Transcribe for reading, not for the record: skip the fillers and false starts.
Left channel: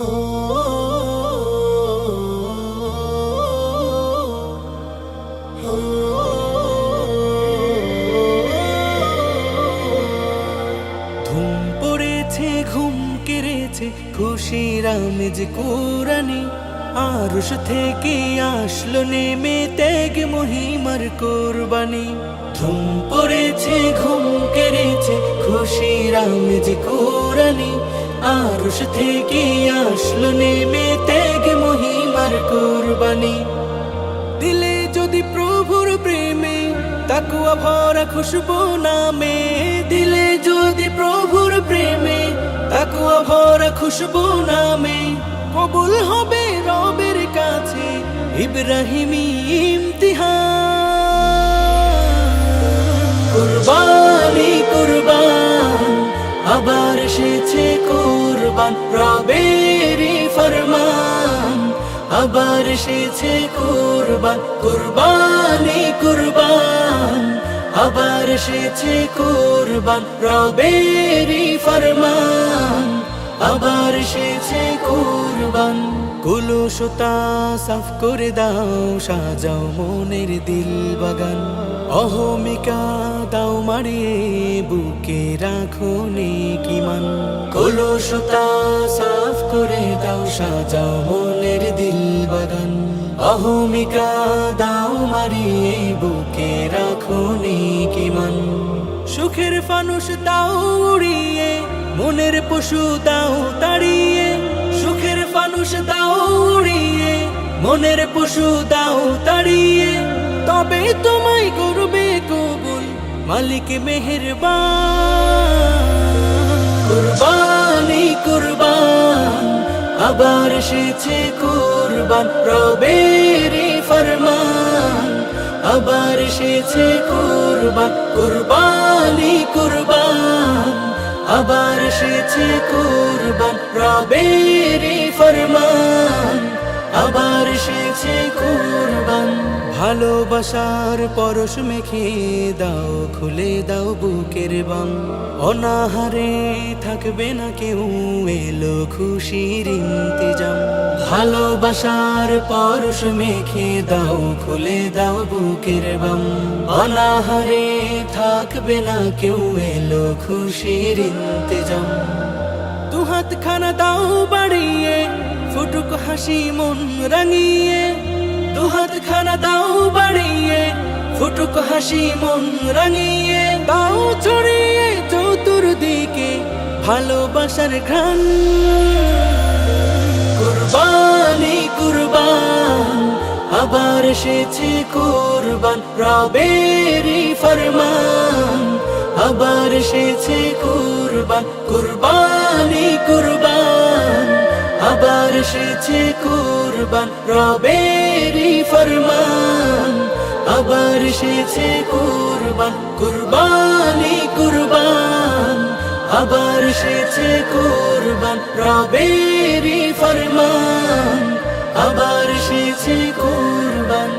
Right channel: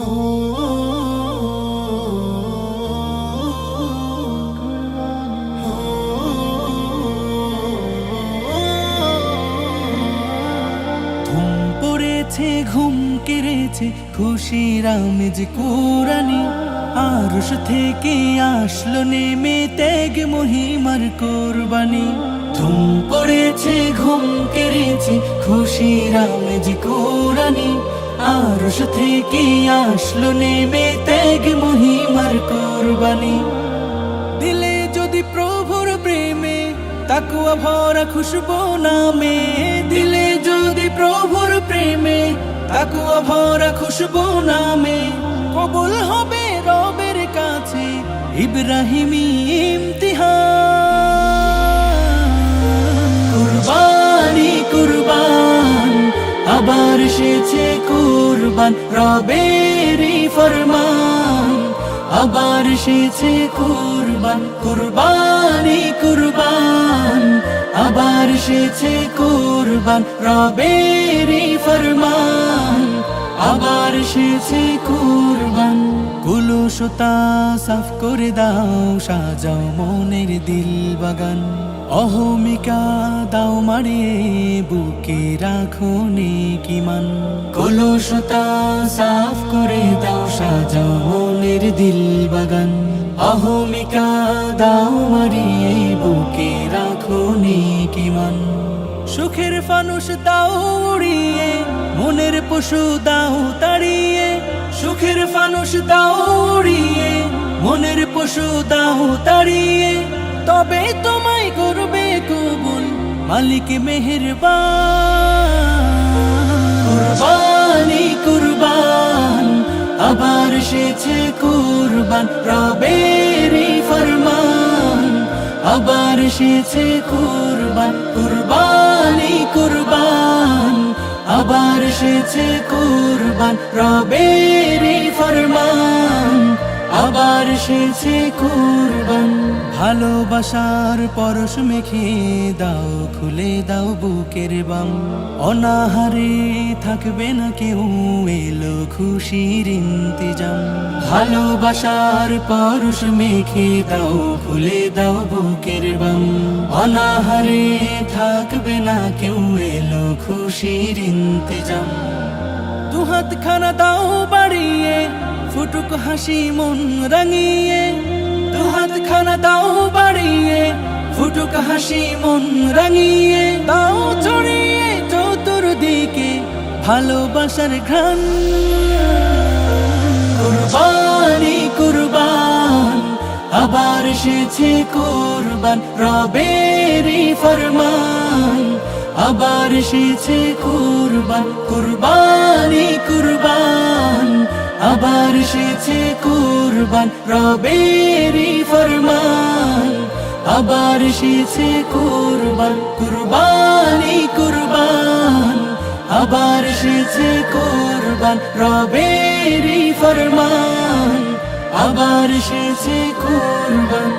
ধুম পড়েছে ঘুম কেড়েছে খুশির আমেজ কুরানি, আরশ থেকে আসলো নেমে ত্যাগ মহিমার কোরবানি। ধুম পড়েছে ঘুম কেড়েছে খুশির আমেজ কুরানি, আরশ থেকে আসলো নেমে ত্যাগ মহিমার কোরবানি। দিলে যদি প্রভুর প্রেমে তাকওয়া ভরা খুশবু নামে, দিলে যদি প্রভুর প্রেমে তাকওয়া ভরা খুশবু নামে, কবুল হবে রবের কাছে ইব্রাহিমী ইমতিহান। কুরবানি কুরবান আবার এসেছে কুরবান, রবেরই ফরমান আবার এসেছে কুরবান। কুরবানি কুরবান আবার এসেছে কুরবান, রবেরই ফরমান আবার এসেছে কুরবান। কুলুশতা সাফ করে দাও, সাজাও মনের দিল বাগান, অহমিকা দাও মারিয়ে বুকে রাখো নেকি মান। কুলুশতা সাফ করে দাও, সাজাও মনের দিল বাগান, অহমিকা দাও মারিয়ে বুকে রাখো নেকি মান। সুখের ফানুস দাও উড়িয়ে, মনের পশু দাও তাড়িয়ে, সুখের ফানুস দাও উড়িয়ে, মনের পশু দাও তাড়িয়ে, তবে তোমায় করবে কবুল মালিক মেহেরবান। কুরবানি কুরবান আবার এসেছে কুরবান, রবেরই ফরমান আবার এসেছে কুরবান। কুরবানি কুরবান আবার এসেছে কুরবান, রবেরই ফরমান আবার এসেছে কুরবান। ভালোবাসার পরশ মেখে দাও, খুলে দাও বুকের বাম, অনাহারে থাকবে না কেউ, এলো খুশির ইন্তেজাম। ভালোবাসার পরশ মেখে দাও, খুলে দাও বুকের বাম, অনাহারে থাকবে না কেউ, এলো খুশির ইন্তেজাম। দুহাত খানা দাও বাড়িয়ে, ফুটুক হাসি মন রাঙিয়ে, দুহাত খানা দাও বাড়িয়ে, ফুটুক হাসি মন রাঙিয়ে, দাও ছড়িয়ে চতুর্দিকে ভালোবাসার ঘ্রাণ। কুরবানি কুরবান আবার এসেছে কুরবান, রবেরই ফরমান আবার এসেছে কুরবান। কুরবানি কুরবান আবার এসেছে কুরবান, রবেরই ফরমান আবার এসেছে কুরবান। কুরবানি কুরবান আবার এসেছে কুরবান, রবেরই ফরমান আবার এসেছে কুরবান।